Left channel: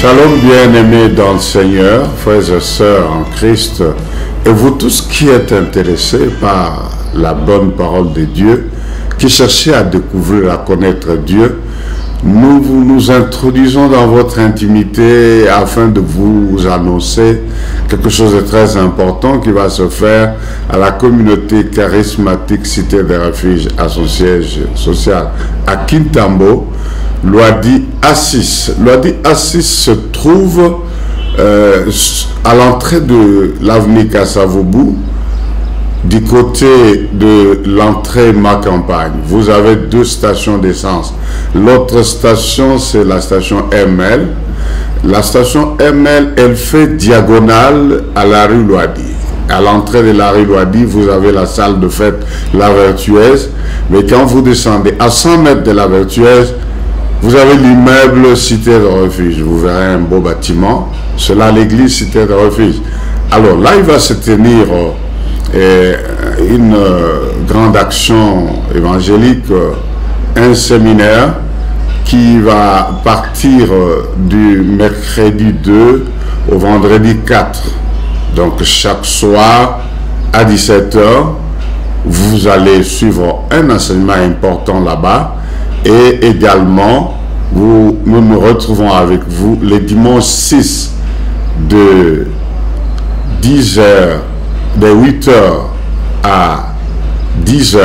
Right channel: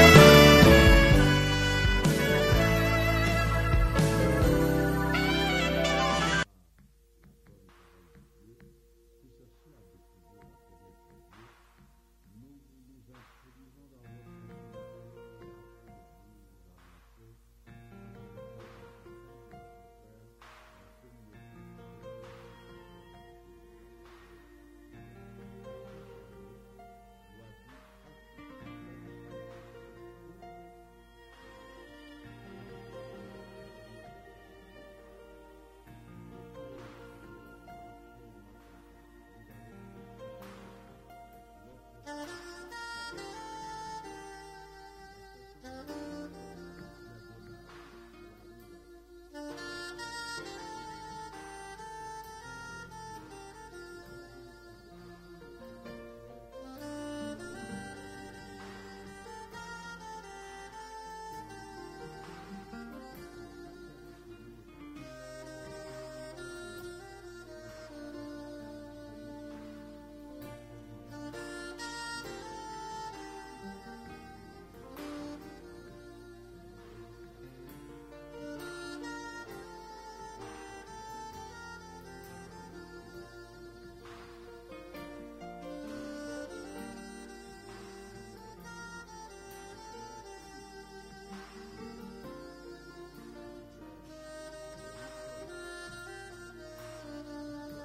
Shalom bien-aimés dans le Seigneur, frères et sœurs en Christ, et vous tous qui êtes intéressés par la bonne parole de Dieu, qui cherchez à découvrir, à connaître Dieu, nous nous introduisons dans votre intimité afin de vous annoncer quelque chose de très important qui va se faire à la communauté charismatique Cité des Refuges à son siège social à Kintambo. Loadi Assis. Loadi Assis se trouve à l'entrée de l'avenue Kassavoubou, du côté de l'entrée Ma Campagne. Vous avez deux stations d'essence. L'autre station, c'est la station ML. La station ML, elle fait diagonale à la rue Loadi. À l'entrée de la rue Loadi, vous avez la salle de fête La Vertueuse. Mais quand vous descendez à 100 mètres de La Vertueuse, vous avez l'immeuble Cité de Refuge. Vous verrez un beau bâtiment. C'est là l'église Cité de Refuge. Alors là, il va se tenir une grande action évangélique, un séminaire qui va partir du mercredi 2 au vendredi 4. Donc chaque soir à 17 h, vous allez suivre un enseignement important là-bas. Et également, nous nous retrouvons avec vous les dimanches 6 de 10 h, de 8 h à 10 h,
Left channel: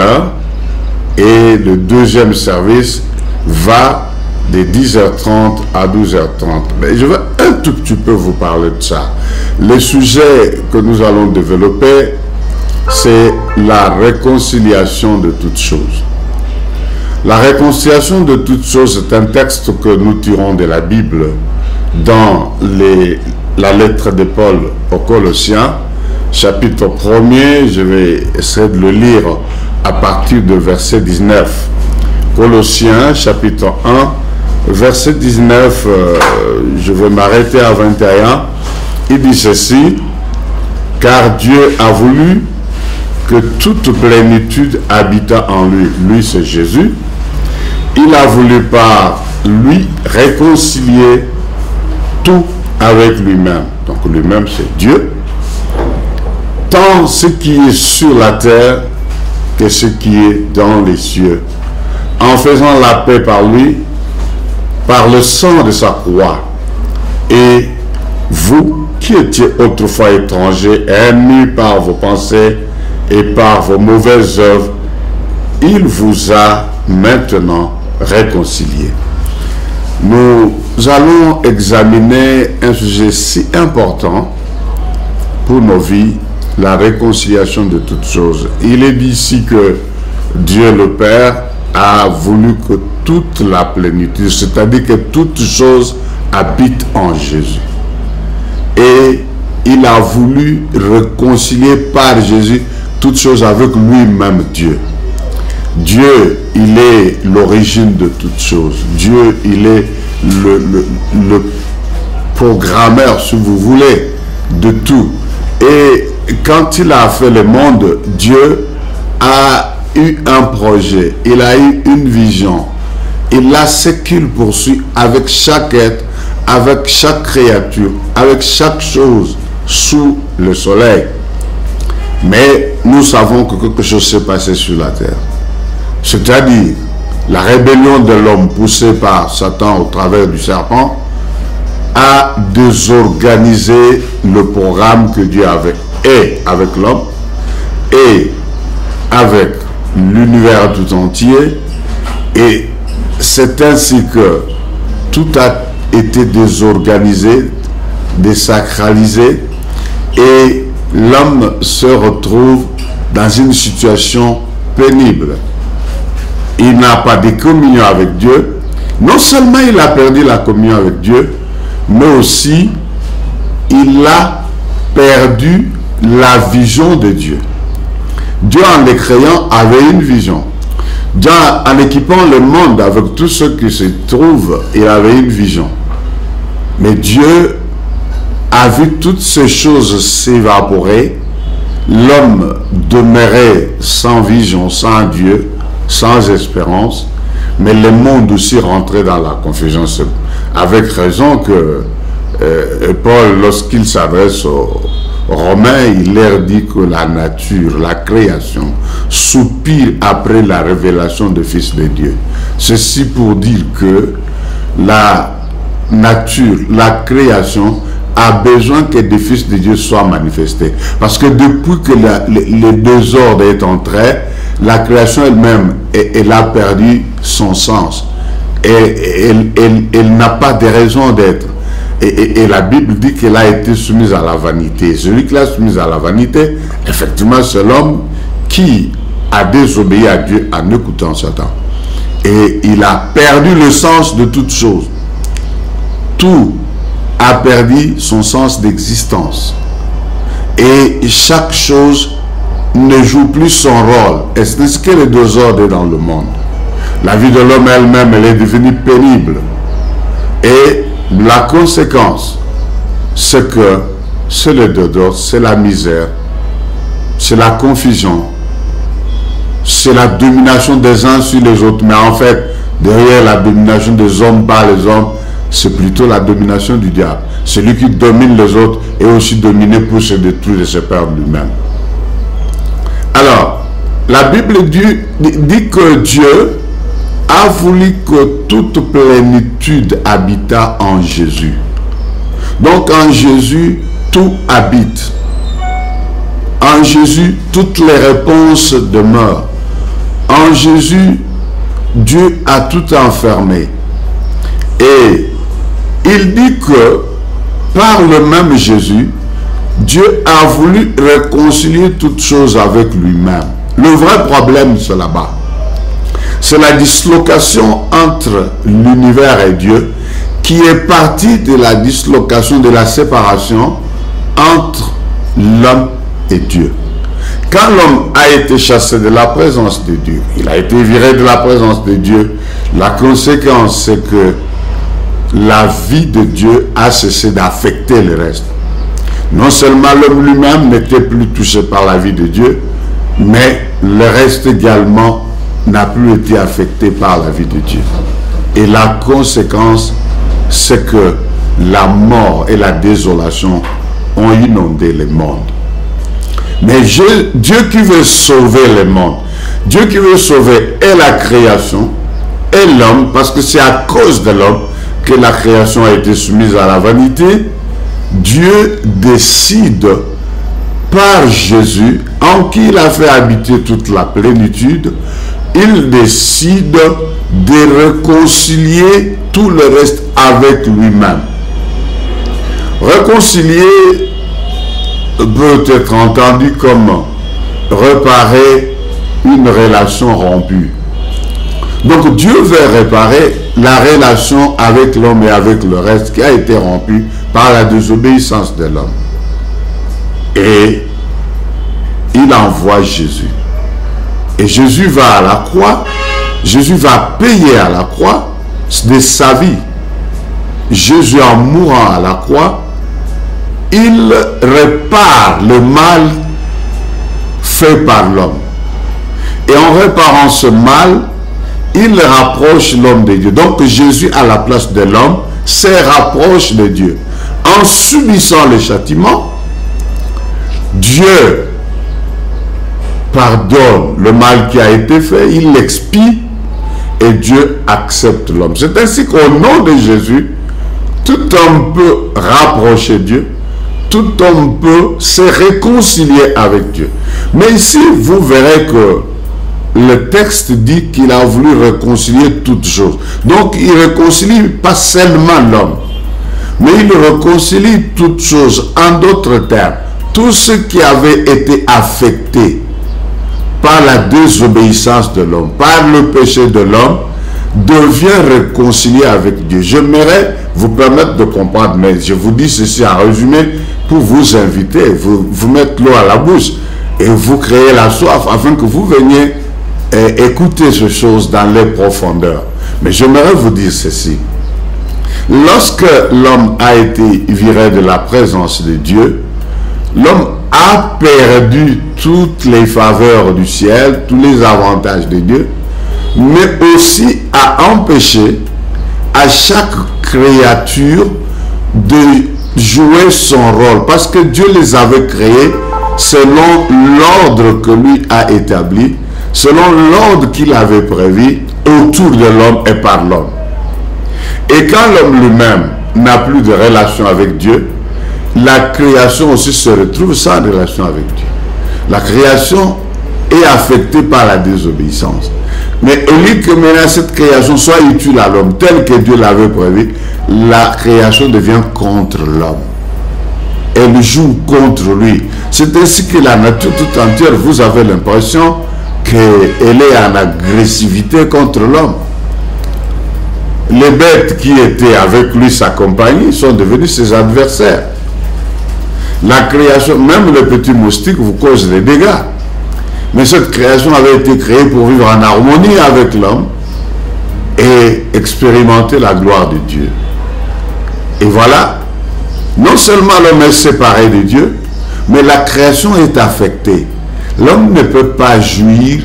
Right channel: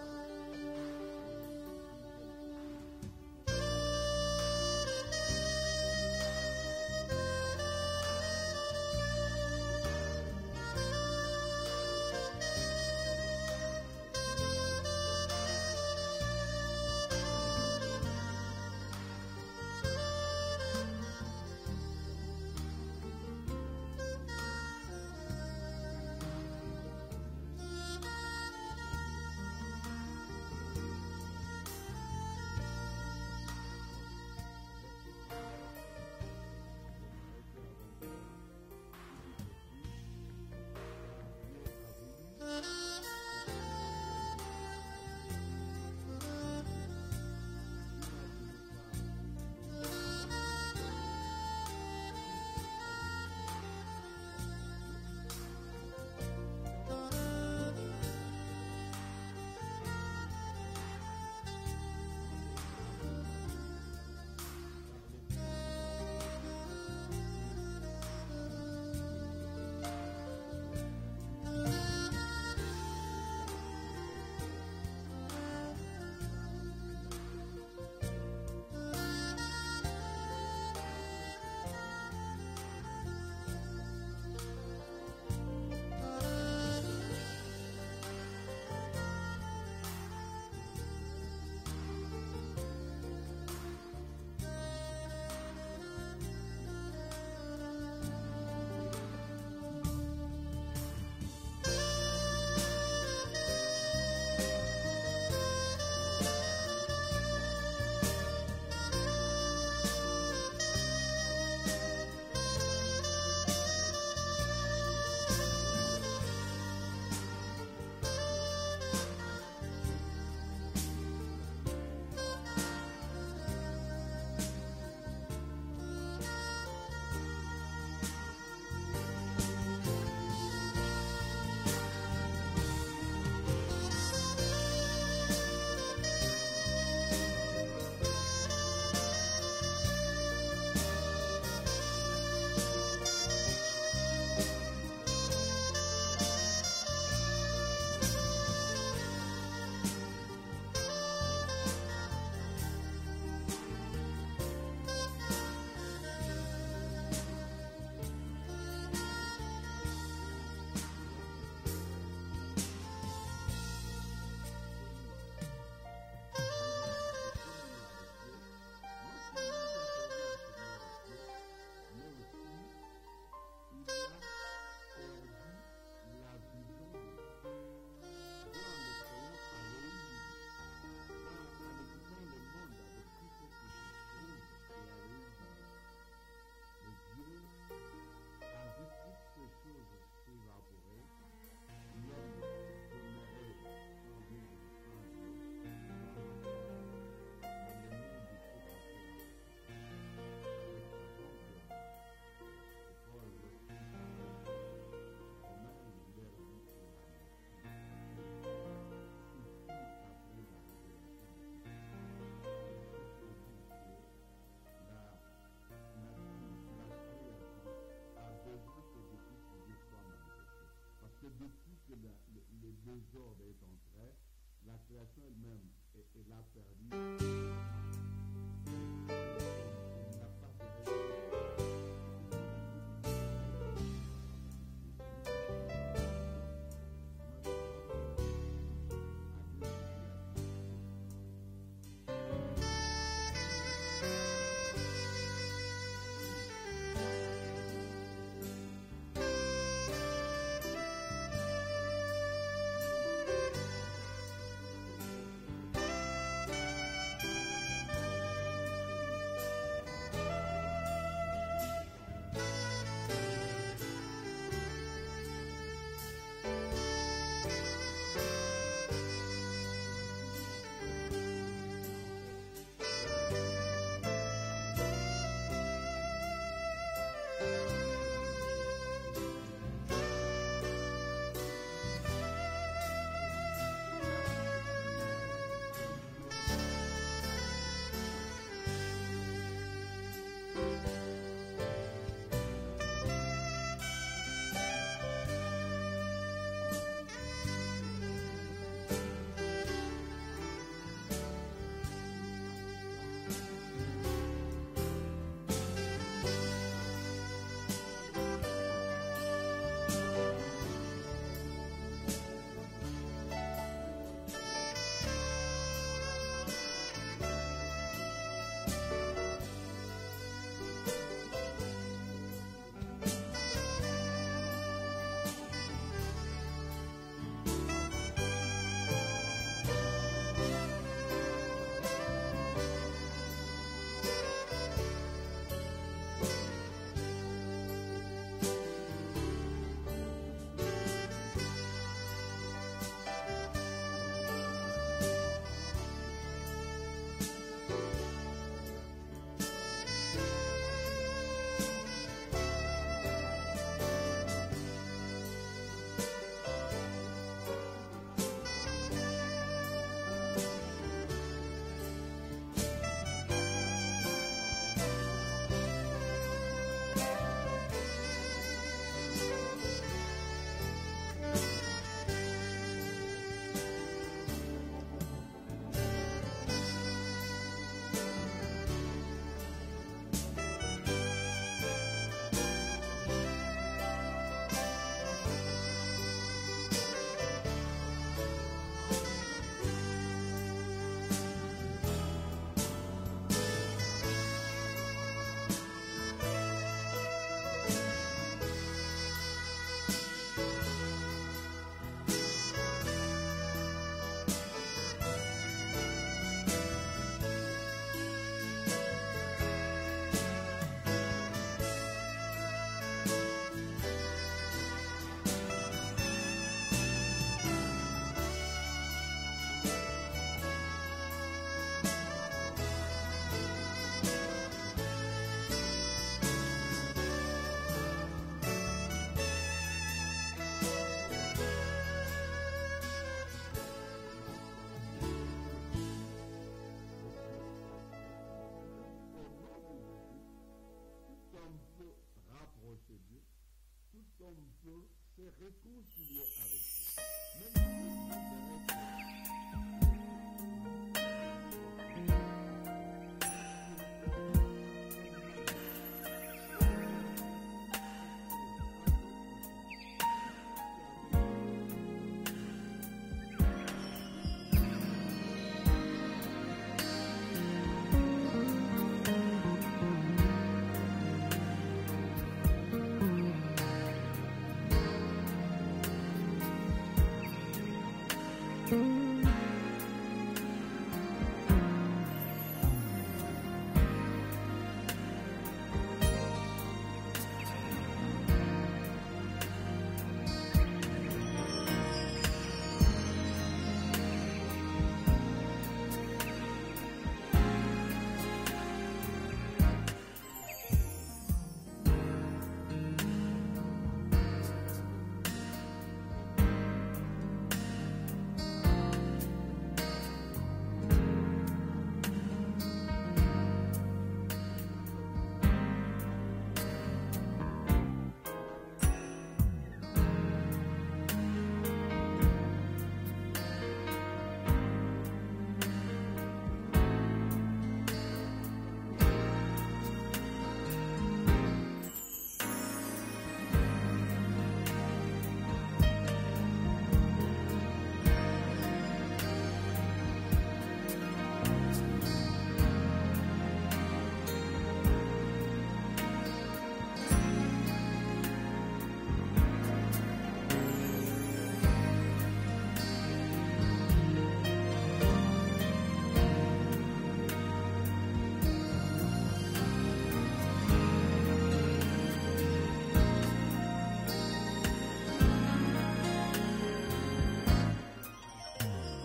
et le deuxième service va de 10h30 à 12h30. Mais je vais un tout petit peu vous parler de ça. Le sujet que nous allons développer, c'est la réconciliation de toutes choses. La réconciliation de toutes choses est un texte que nous tirons de la Bible dans la lettre de Paul aux Colossiens, chapitre 1er. Je vais essayer de le lire à partir de verset 19. Colossiens, chapitre 1, verset 19, je vais m'arrêter à 21. Il dit ceci: « Car Dieu a voulu que toute plénitude habita en lui. » Lui, c'est Jésus. Il a voulu par lui réconcilier tout avec lui-même. Donc lui-même, c'est Dieu. Tant ce qui est sur la terre que ce qui est dans les cieux. En faisant la paix par lui, par le sang de sa croix. Et vous qui étiez autrefois étrangers, ennemis par vos pensées et par vos mauvaises œuvres, il vous a maintenant réconciliés. Nous allons examiner un sujet si important pour nos vies, la réconciliation de toutes choses. Il est dit ici que Dieu le Père a voulu que toute la plénitude, c'est-à-dire que toute chose habite en Jésus. Et il a voulu réconcilier par Jésus toutes choses avec lui-même, Dieu. Dieu, il est l'origine de toutes choses. Dieu, il est le programmeur, si vous voulez, de tout. Et quand il a fait le monde, Dieu a eu un projet, il a eu une vision. Il a ce qu'il poursuit avec chaque être, avec chaque créature, avec chaque chose sous le soleil. Mais nous savons que quelque chose s'est passé sur la terre. C'est-à-dire la rébellion de l'homme poussée par Satan au travers du serpent a désorganisé le programme que Dieu avait et avec l'homme et avec l'univers tout entier. Et c'est ainsi que tout a été désorganisé, désacralisé, et l'homme se retrouve dans une situation pénible. Il n'a pas de communion avec Dieu. Non seulement il a perdu la communion avec Dieu, mais aussi il a perdu la vision de Dieu. Dieu, en les créant, avait une vision. Dieu, en équipant le monde avec tout ce qui se trouve, il avait une vision. Mais Dieu a vu toutes ces choses s'évaporer. L'homme demeurait sans vision, sans Dieu, sans espérance, mais le monde aussi rentrait dans la confusion. Avec raison que Paul, lorsqu'il s'adresse aux Romains, il leur dit que la nature, la création, soupire après la révélation du Fils de Dieu. Ceci pour dire que la nature, la création, a besoin que des fils de Dieu soient manifestés. Parce que depuis que les deux ordres est entré, la création elle-même, elle a perdu son sens. Et elle n'a pas de raison d'être. Et la Bible dit qu'elle a été soumise à la vanité. Celui qui l'a soumise à la vanité, effectivement, c'est l'homme qui a désobéi à Dieu en écoutant Satan. Et il a perdu le sens de toute chose. Tout a perdu son sens d'existence. Et chaque chose ne joue plus son rôle. Et c'est ce que les deux ordres dans le monde. La vie de l'homme elle-même, elle est devenue pénible. Et la conséquence, c'est que c'est le désordre, c'est la misère, c'est la confusion, c'est la domination des uns sur les autres. Mais en fait, derrière la domination des hommes par les hommes, c'est plutôt la domination du diable. Celui qui domine les autres est aussi dominé pour se détruire et se perdre lui-même. Alors, la Bible dit que Dieu a voulu que toute plénitude habita en Jésus. Donc en Jésus, tout habite. En Jésus, toutes les réponses demeurent. En Jésus, Dieu a tout enfermé. Et il dit que par le même Jésus, Dieu a voulu réconcilier toutes choses avec lui-même. Le vrai problème, c'est là-bas. C'est la dislocation entre l'univers et Dieu qui est partie de la dislocation, de la séparation entre l'homme et Dieu. Quand l'homme a été chassé de la présence de Dieu, il a été viré de la présence de Dieu, la conséquence c'est que la vie de Dieu a cessé d'affecter le reste. Non seulement l'homme lui-même n'était plus touché par la vie de Dieu, mais le reste également n'a plus été affecté par la vie de Dieu. Et la conséquence, c'est que la mort et la désolation ont inondé le monde. Mais Dieu qui veut sauver le monde, Dieu qui veut sauver et la création et l'homme, parce que c'est à cause de l'homme que la création a été soumise à la vanité, Dieu décide par Jésus, en qui il a fait habiter toute la plénitude, il décide de réconcilier tout le reste avec lui-même. Réconcilier peut être entendu comme réparer une relation rompue. Donc Dieu veut réparer la relation avec l'homme et avec le reste qui a été rompue par la désobéissance de l'homme. Et il envoie Jésus. Et Jésus va à la croix, Jésus va payer à la croix de sa vie. Jésus, en mourant à la croix, il répare le mal fait par l'homme. Et en réparant ce mal, il rapproche l'homme de Dieu. Donc Jésus, à la place de l'homme, se rapproche de Dieu. En subissant le châtiment, Dieu pardonne le mal qui a été fait, il l'expie et Dieu accepte l'homme. C'est ainsi qu'au nom de Jésus, tout homme peut rapprocher Dieu, tout homme peut se réconcilier avec Dieu. Mais ici, vous verrez que le texte dit qu'il a voulu réconcilier toutes choses. Donc, il ne réconcilie pas seulement l'homme, mais il réconcilie toutes choses. En d'autres termes, tout ce qui avait été affecté par la désobéissance de l'homme, par le péché de l'homme, devient réconcilié avec Dieu. J'aimerais vous permettre de comprendre, mais je vous dis ceci en résumé pour vous inviter, vous mettre l'eau à la bouche et vous créer la soif afin que vous veniez écouter ces choses dans les profondeurs. Mais j'aimerais vous dire ceci. Lorsque l'homme a été viré de la présence de Dieu, l'homme a perdu toutes les faveurs du ciel, tous les avantages de Dieu, mais aussi a empêché à chaque créature de jouer son rôle, parce que Dieu les avait créés selon l'ordre que lui a établi, selon l'ordre qu'il avait prévu autour de l'homme et par l'homme. Et quand l'homme lui-même n'a plus de relation avec Dieu, la création aussi se retrouve sans relation avec Dieu. La création est affectée par la désobéissance. Mais au lieu que maintenant cette création soit utile à l'homme tel que Dieu l'avait prévu, la création devient contre l'homme. Elle joue contre lui. C'est ainsi que la nature tout entière, vous avez l'impression qu'elle est en agressivité contre l'homme. Les bêtes qui étaient avec lui, sa compagnie, sont devenues ses adversaires. La création, même les petits moustiques vous causent des dégâts. Mais cette création avait été créée pour vivre en harmonie avec l'homme et expérimenter la gloire de Dieu. Et voilà, non seulement l'homme est séparé de Dieu, mais la création est affectée. L'homme ne peut pas jouir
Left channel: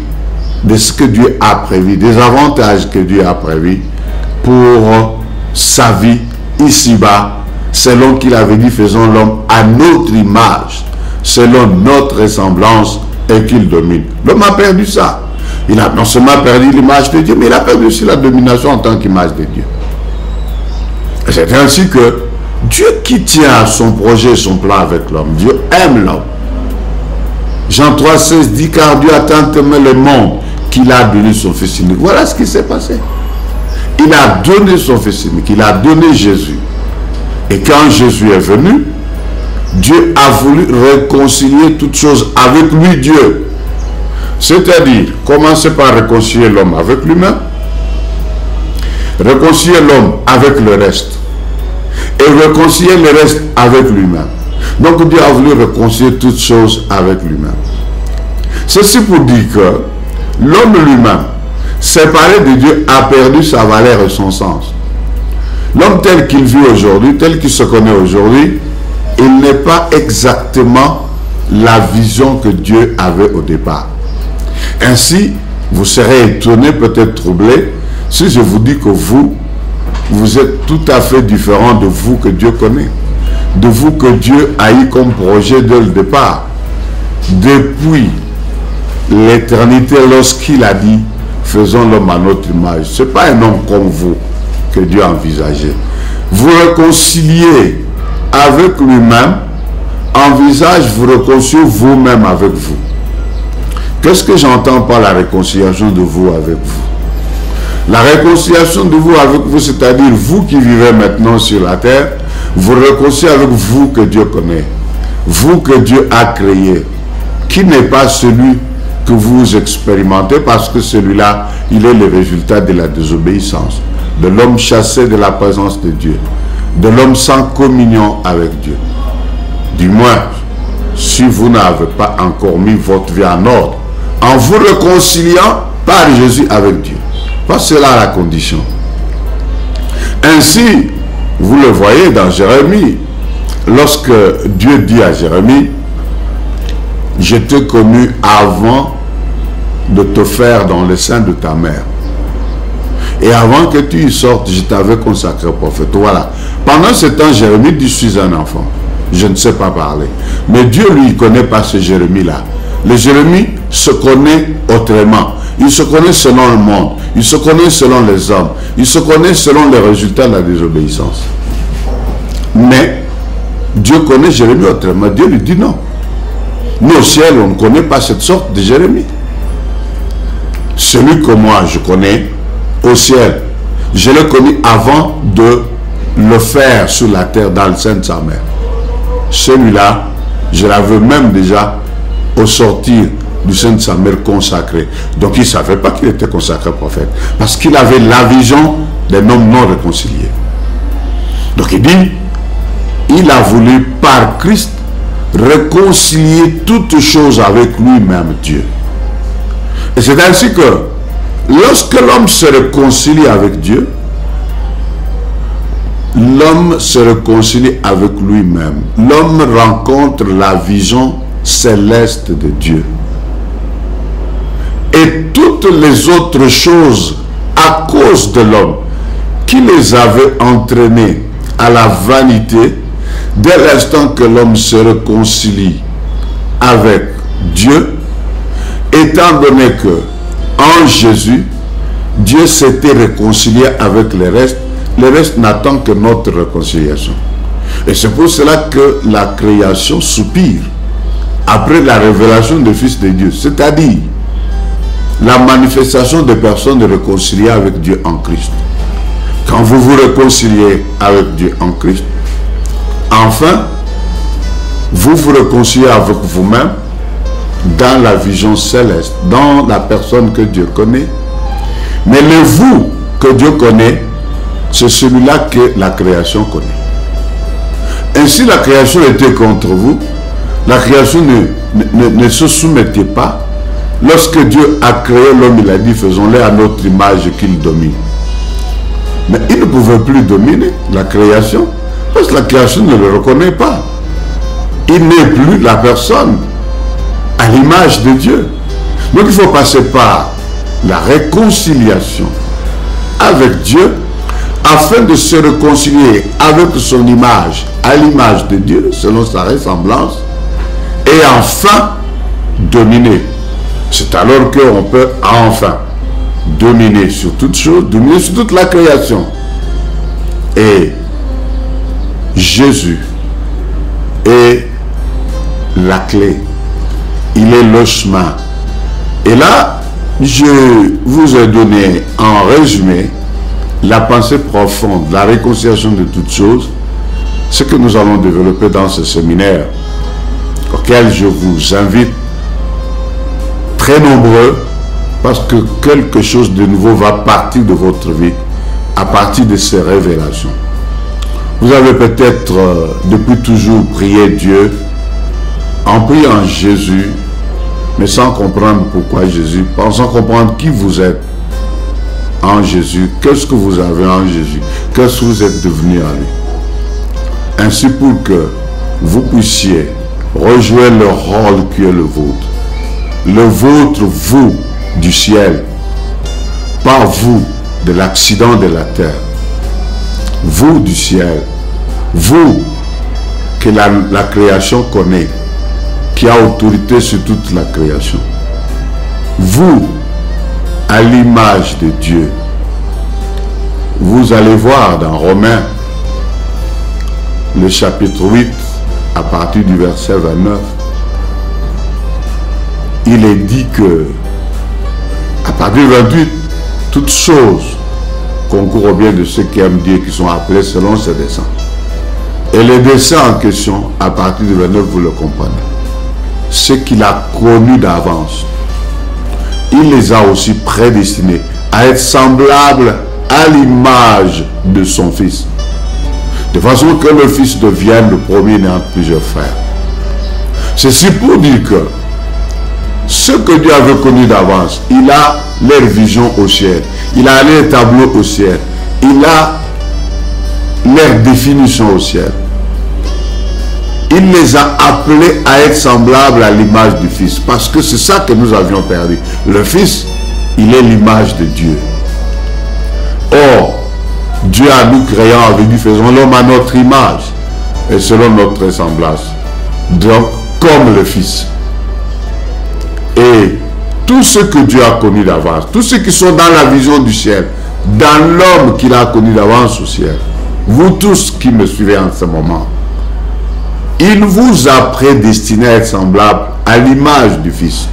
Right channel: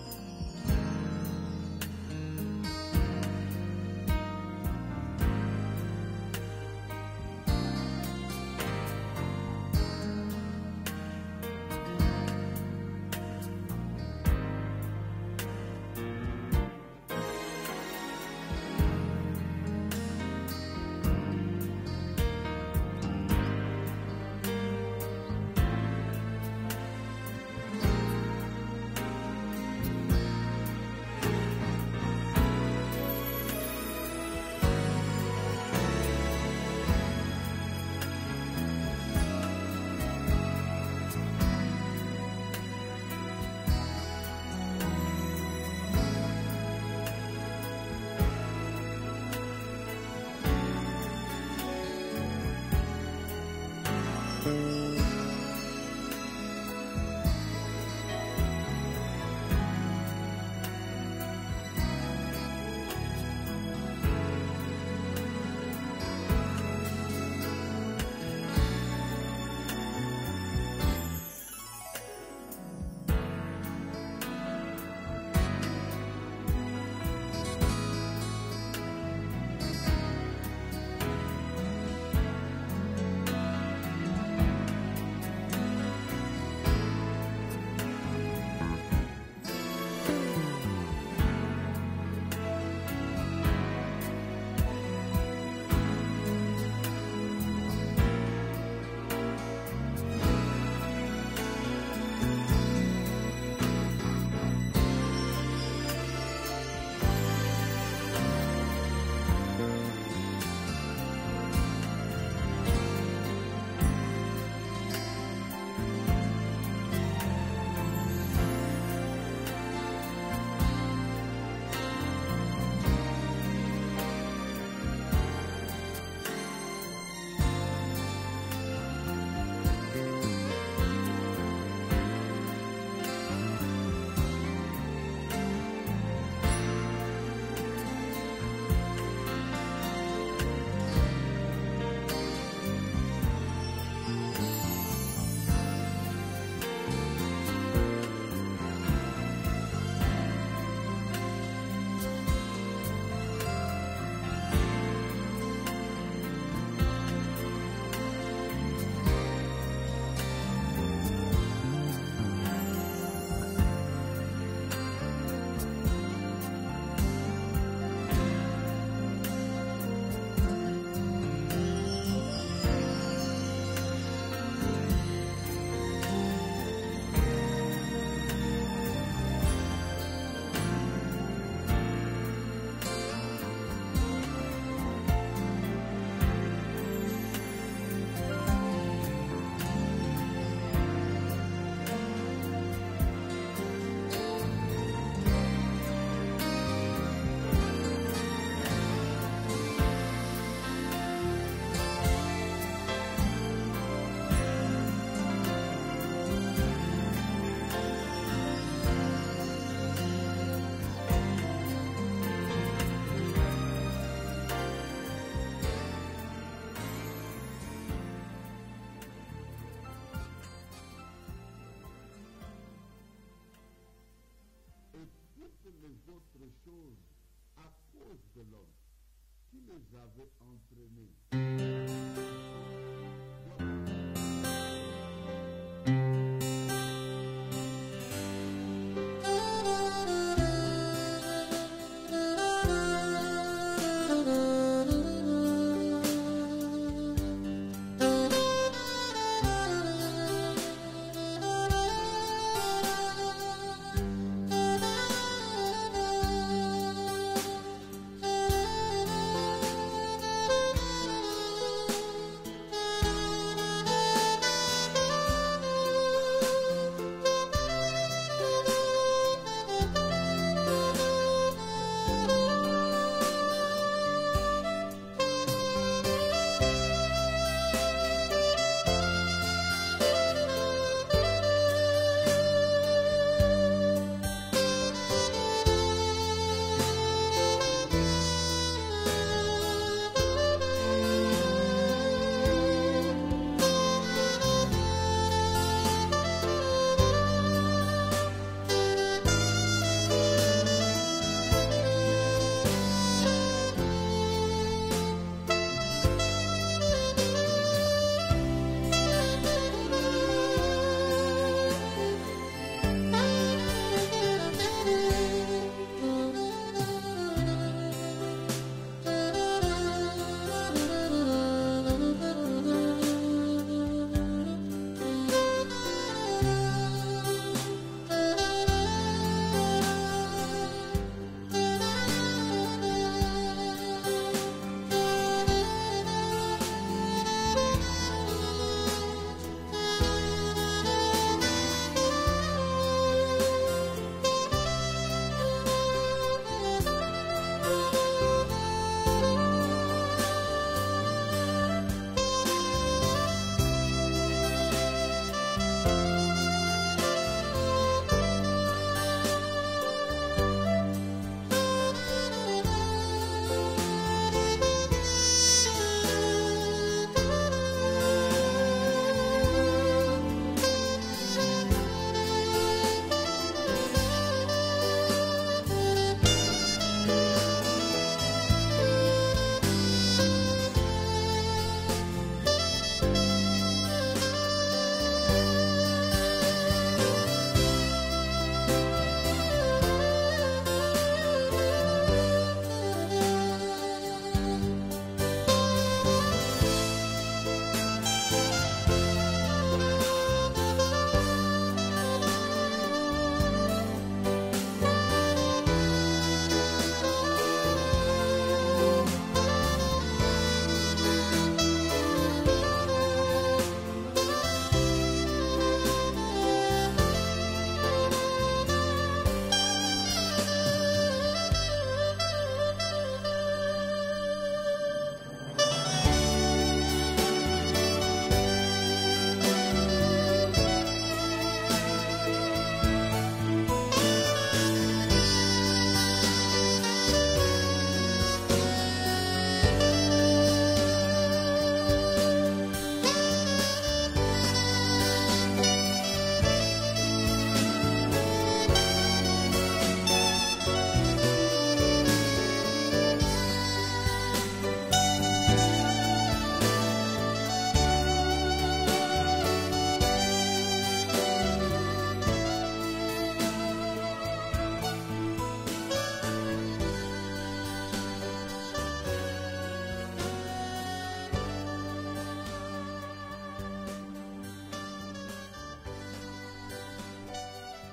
de ce que Dieu a prévu, des avantages que Dieu a prévus pour sa vie ici-bas, selon qu'il avait dit, faisons l'homme à notre image, selon notre ressemblance, et qu'il domine. L'homme a perdu ça. Il a non seulement perdu l'image de Dieu, mais il a perdu aussi la domination en tant qu'image de Dieu. C'est ainsi que Dieu qui tient à son projet et son plan avec l'homme, Dieu aime l'homme. Jean 3,16 dit, car Dieu a tant aimé le monde qu'il a donné son Fils unique. Voilà ce qui s'est passé. Il a donné son Fils unique, il a donné Jésus. Et quand Jésus est venu, Dieu a voulu réconcilier toutes choses avec lui, Dieu. C'est-à-dire, commencer par réconcilier l'homme avec lui-même, réconcilier l'homme avec le reste, et réconcilier le reste avec lui-même. Donc Dieu a voulu réconcilier toutes choses avec lui-même. Ceci pour dire que l'homme lui-même, séparé de Dieu, a perdu sa valeur et son sens. L'homme tel qu'il vit aujourd'hui, tel qu'il se connaît aujourd'hui, il n'est pas exactement la vision que Dieu avait au départ. Ainsi, vous serez étonné, peut-être troublé, si je vous dis que vous êtes tout à fait différent de vous que Dieu connaît, de vous que Dieu a eu comme projet dès le départ. Depuis l'éternité, lorsqu'il a dit, faisons l'homme à notre image, ce n'est pas un homme comme vous que Dieu a envisagé. Vous réconciliez avec lui-même, envisage, vous réconciliez vous-même avec vous. Qu'est-ce que j'entends par la réconciliation de vous avec vous? La réconciliation de vous avec vous, c'est-à-dire vous qui vivez maintenant sur la terre, vous réconciliez avec vous que Dieu connaît, vous que Dieu a créé, qui n'est pas celui que vous expérimentez, parce que celui-là, il est le résultat de la désobéissance, de l'homme chassé de la présence de Dieu, de l'homme sans communion avec Dieu. Du moins, si vous n'avez pas encore mis votre vie en ordre, en vous réconciliant par Jésus avec Dieu. Parce que c'est là la condition. Ainsi, vous le voyez dans Jérémie, lorsque Dieu dit à Jérémie, je t'ai connu avant de te faire dans le sein de ta mère. Et avant que tu y sortes, je t'avais consacré prophète. Voilà. Pendant ce temps, Jérémie dit, je suis un enfant. Je ne sais pas parler. Mais Dieu, lui, ne connaît pas ce Jérémie-là. Le Jérémie se connaît autrement. Il se connaît selon le monde. Il se connaît selon les hommes. Il se connaît selon les résultats de la désobéissance. Mais Dieu connaît Jérémie autrement. Dieu lui dit non. Nous au ciel, on ne connaît pas cette sorte de Jérémie. Celui que moi je connais au ciel, je l'ai connu avant de le faire sur la terre dans le sein de sa mère. Celui-là, je l'avais même déjà au sortir du sein de sa mère consacré. Donc il ne savait pas qu'il était consacré prophète, parce qu'il avait la vision d'un homme non réconcilié. Donc il dit, il a voulu par Christ réconcilier toutes choses avec lui-même, Dieu. Et c'est ainsi que lorsque l'homme se réconcilie avec Dieu, l'homme se réconcilie avec lui-même. L'homme rencontre la vision céleste de Dieu. Et toutes les autres choses, à cause de l'homme, qui les avait entraînés à la vanité, Dès l'instant que l'homme se réconcilie avec Dieu, étant donné que en Jésus, Dieu s'était réconcilié avec le reste n'attend que notre réconciliation. Et c'est pour cela que la création soupire après la révélation du Fils de Dieu, c'est-à-dire la manifestation des personnes réconciliées avec Dieu en Christ. Quand vous vous réconciliez avec Dieu en Christ, enfin, vous vous réconciliez avec vous-même dans la vision céleste, dans la personne que Dieu connaît. Mais le vous que Dieu connaît, c'est celui-là que la création connaît. Ainsi, la création était contre vous. La création ne se soumettait pas. Lorsque Dieu a créé l'homme, il a dit, faisons-le à notre image qu'il domine. Mais il ne pouvait plus dominer la création, parce que la création ne le reconnaît pas. Il n'est plus la personne à l'image de Dieu. Donc il faut passer par la réconciliation avec Dieu, afin de se réconcilier avec son image, à l'image de Dieu, selon sa ressemblance, et enfin dominer. C'est alors qu'on peut enfin dominer sur toute chose, dominer sur toute la création. Et Jésus est la clé. Il est le chemin. Et là, je vous ai donné en résumé la pensée profonde, la réconciliation de toutes choses, ce que nous allons développer dans ce séminaire, auquel je vous invite très nombreux, parce que quelque chose de nouveau va partir de votre vie à partir de ces révélations. Vous avez peut-être depuis toujours prié Dieu, en priant Jésus, mais sans comprendre pourquoi Jésus, sans comprendre qui vous êtes en Jésus, qu'est-ce que vous avez en Jésus, qu'est-ce que vous êtes devenu en lui. Ainsi pour que vous puissiez rejouer le rôle qui est le vôtre, vous, du ciel, pas vous, de l'accident de la terre, vous du ciel, vous que la création connaît, qui a autorité sur toute la création, vous, à l'image de Dieu. Vous allez voir dans Romains, le chapitre 8, à partir du verset 29, il est dit que, à partir du 28, toutes choses concourent au bien de ceux qui aiment Dieu, qui sont appelés selon ses desseins. Et les desseins en question, à partir du 29, vous le comprenez. Ce qu'il a connu d'avance, il les a aussi prédestinés à être semblables à l'image de son Fils, de façon que le Fils devienne le premier né entre plusieurs frères. Ceci pour dire que ce que Dieu avait connu d'avance, il a leur vision au ciel, il a leur tableau au ciel, il a leur définition au ciel. Il les a appelés à être semblables à l'image du Fils, parce que c'est ça que nous avions perdu. Le Fils, il est l'image de Dieu. Or, Dieu a nous créant avait dit, faisons l'homme à notre image et selon notre ressemblance. Donc, comme le Fils. Et tout ce que Dieu a connu d'avance, tous ceux qui sont dans la vision du ciel, dans l'homme qu'il a connu d'avance au ciel, vous tous qui me suivez en ce moment, il vous a prédestiné à être semblable à l'image du Fils.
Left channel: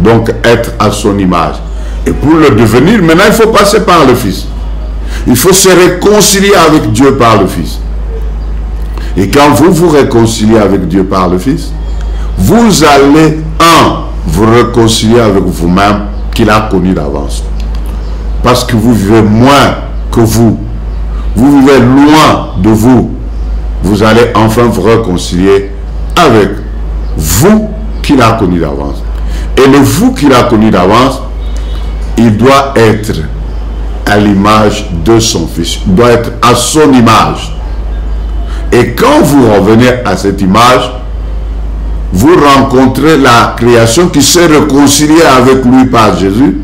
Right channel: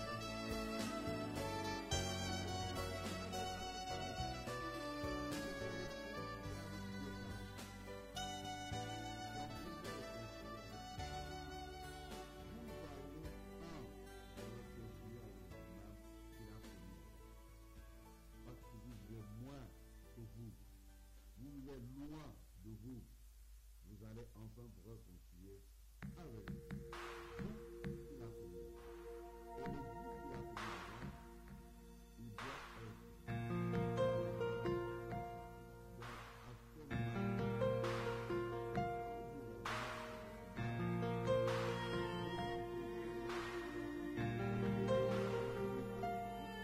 Donc, être à son image. Et pour le devenir, maintenant, il faut passer par le Fils. Il faut se réconcilier avec Dieu par le Fils. Et quand vous vous réconciliez avec Dieu par le Fils, vous allez, vous réconcilier avec vous-même qu'il a connu d'avance. Parce que vous vivez moins que vous. Vous vivez loin de vous. Vous allez enfin vous réconcilier avec vous qu'il a connu d'avance. Et le vous qu'il a connu d'avance, il doit être à l'image de son Fils. Il doit être à son image. Et quand vous revenez à cette image, vous rencontrez la création qui s'est réconciliée avec lui par Jésus.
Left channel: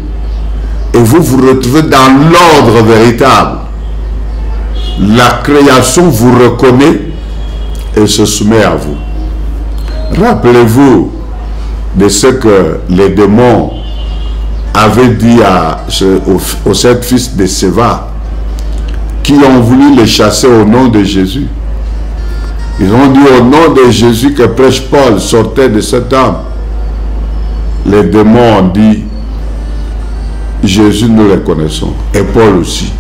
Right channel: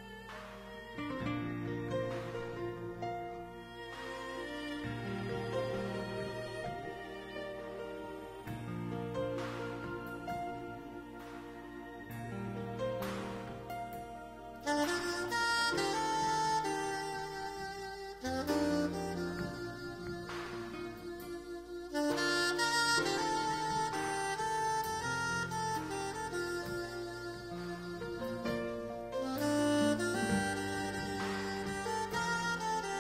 Et vous vous retrouvez dans l'ordre véritable. La création vous reconnaît et se soumet à vous. Rappelez-vous de ce que les démons avaient dit aux 7 fils de Séva qui ont voulu les chasser au nom de Jésus. Ils ont dit au nom de Jésus que prêche Paul sortait de cet homme. Les démons ont dit Jésus, nous le connaissons. Et Paul aussi.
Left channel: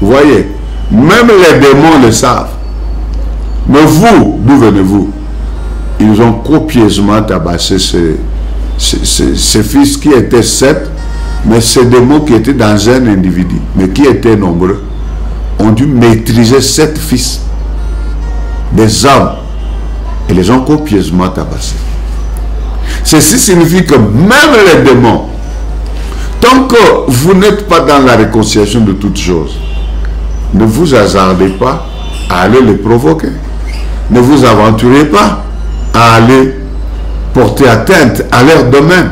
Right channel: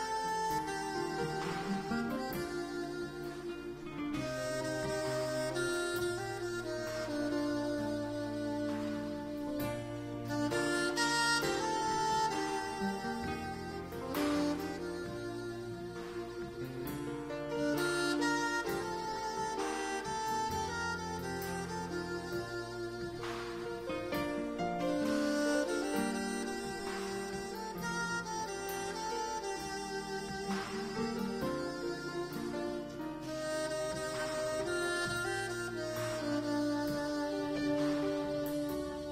Vous voyez, même les démons le savent. Mais vous, d'où venez-vous? Ils ont copieusement tabassé ces fils qui étaient 7, mais ces démons qui étaient dans un individu, mais qui étaient nombreux, ont dû maîtriser 7 fils, des hommes, et les ont copieusement tabassés. Ceci signifie que même les démons, tant que vous n'êtes pas dans la réconciliation de toutes choses, ne vous hasardez pas à aller les provoquer. Ne vous aventurez pas à aller porter atteinte à leur domaine.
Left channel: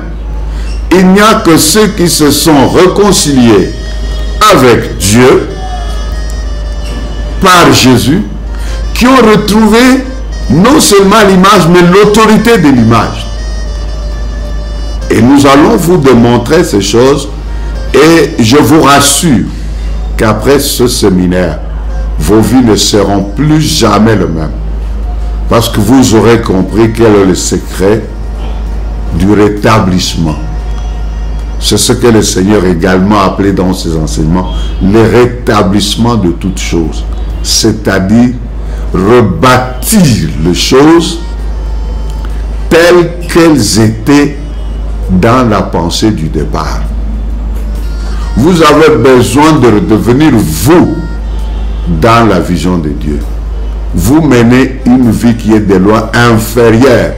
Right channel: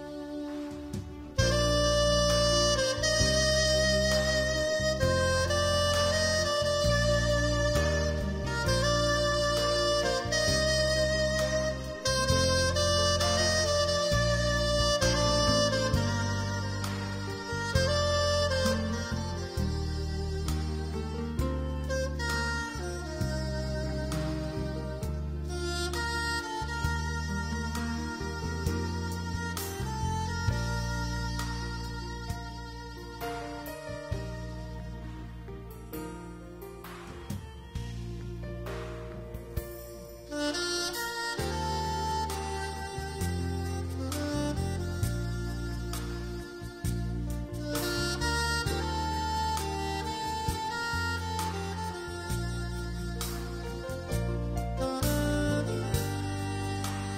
Il n'y a que ceux qui se sont réconciliés avec Dieu par Jésus qui ont retrouvé non seulement l'image mais l'autorité de l'image. Et nous allons vous démontrer ces choses et je vous rassure qu'après ce séminaire, vos vies ne seront plus jamais les mêmes. Parce que vous aurez compris quel est le secret du rétablissement. C'est ce que le Seigneur également a appelé dans ses enseignements le rétablissement de toutes choses. C'est-à-dire rebâtir les choses telles qu'elles étaient dans la pensée du départ. Vous avez besoin de redevenir vous dans la vision de Dieu. Vous menez une vie qui est de loin inférieure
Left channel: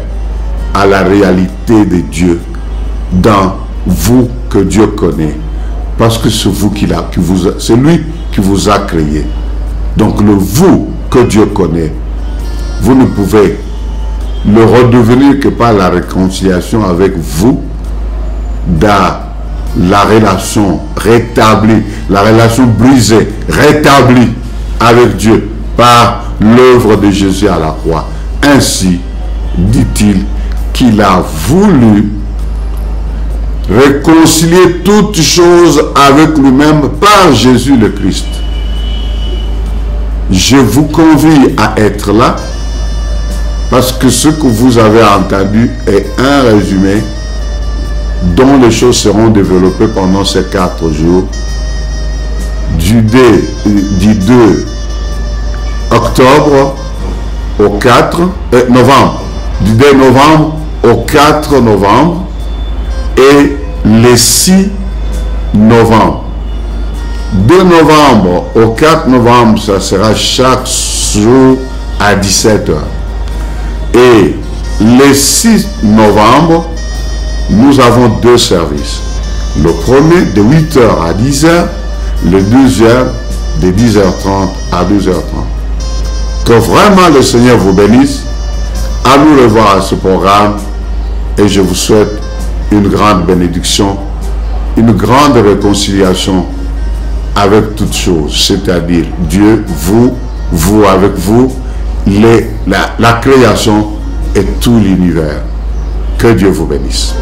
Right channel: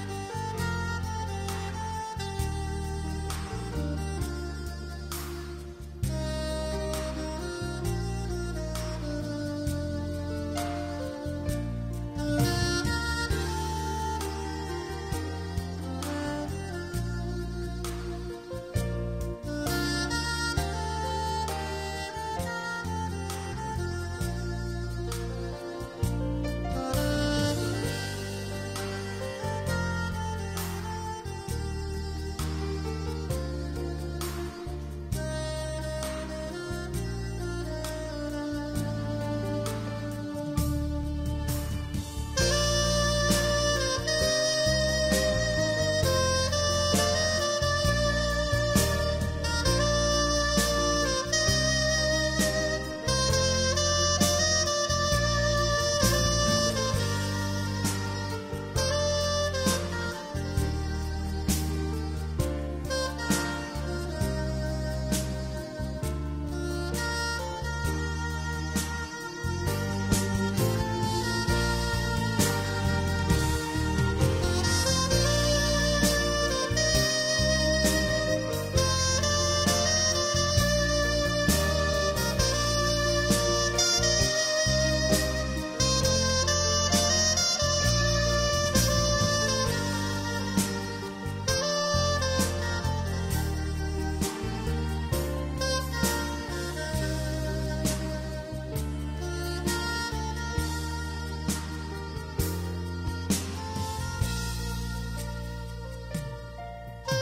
à la réalité de Dieu dans vous que Dieu connaît. Parce que c'est vous c'est lui qui vous a créé. Donc le vous que Dieu connaît, vous ne pouvez le redevenir que par la réconciliation avec vous dans la relation rétablie, la relation brisée, rétablie avec Dieu par l'œuvre de Jésus à la croix. Ainsi, dit-il, qu'il a voulu réconcilier toutes choses avec lui-même par Jésus le Christ. Je vous convie à être là parce que ce que vous avez entendu est un résumé dont les choses seront développées pendant ces 4 jours du 2 octobre au 4 novembre, du 2 novembre au 4 novembre et le 6 novembre. 2 novembre au 4 novembre, ça sera chaque jour à 17 h. Et le 6 novembre, nous avons 2 services. Le premier de 8 h à 10 h, le deuxième de 10h30 à 12h30. Que vraiment le Seigneur vous bénisse. À nous revoir à ce programme et je vous souhaite une grande bénédiction, une grande réconciliation avec toutes choses, c'est-à-dire Dieu, vous avec vous, la création et tout l'univers. Que Dieu vous bénisse.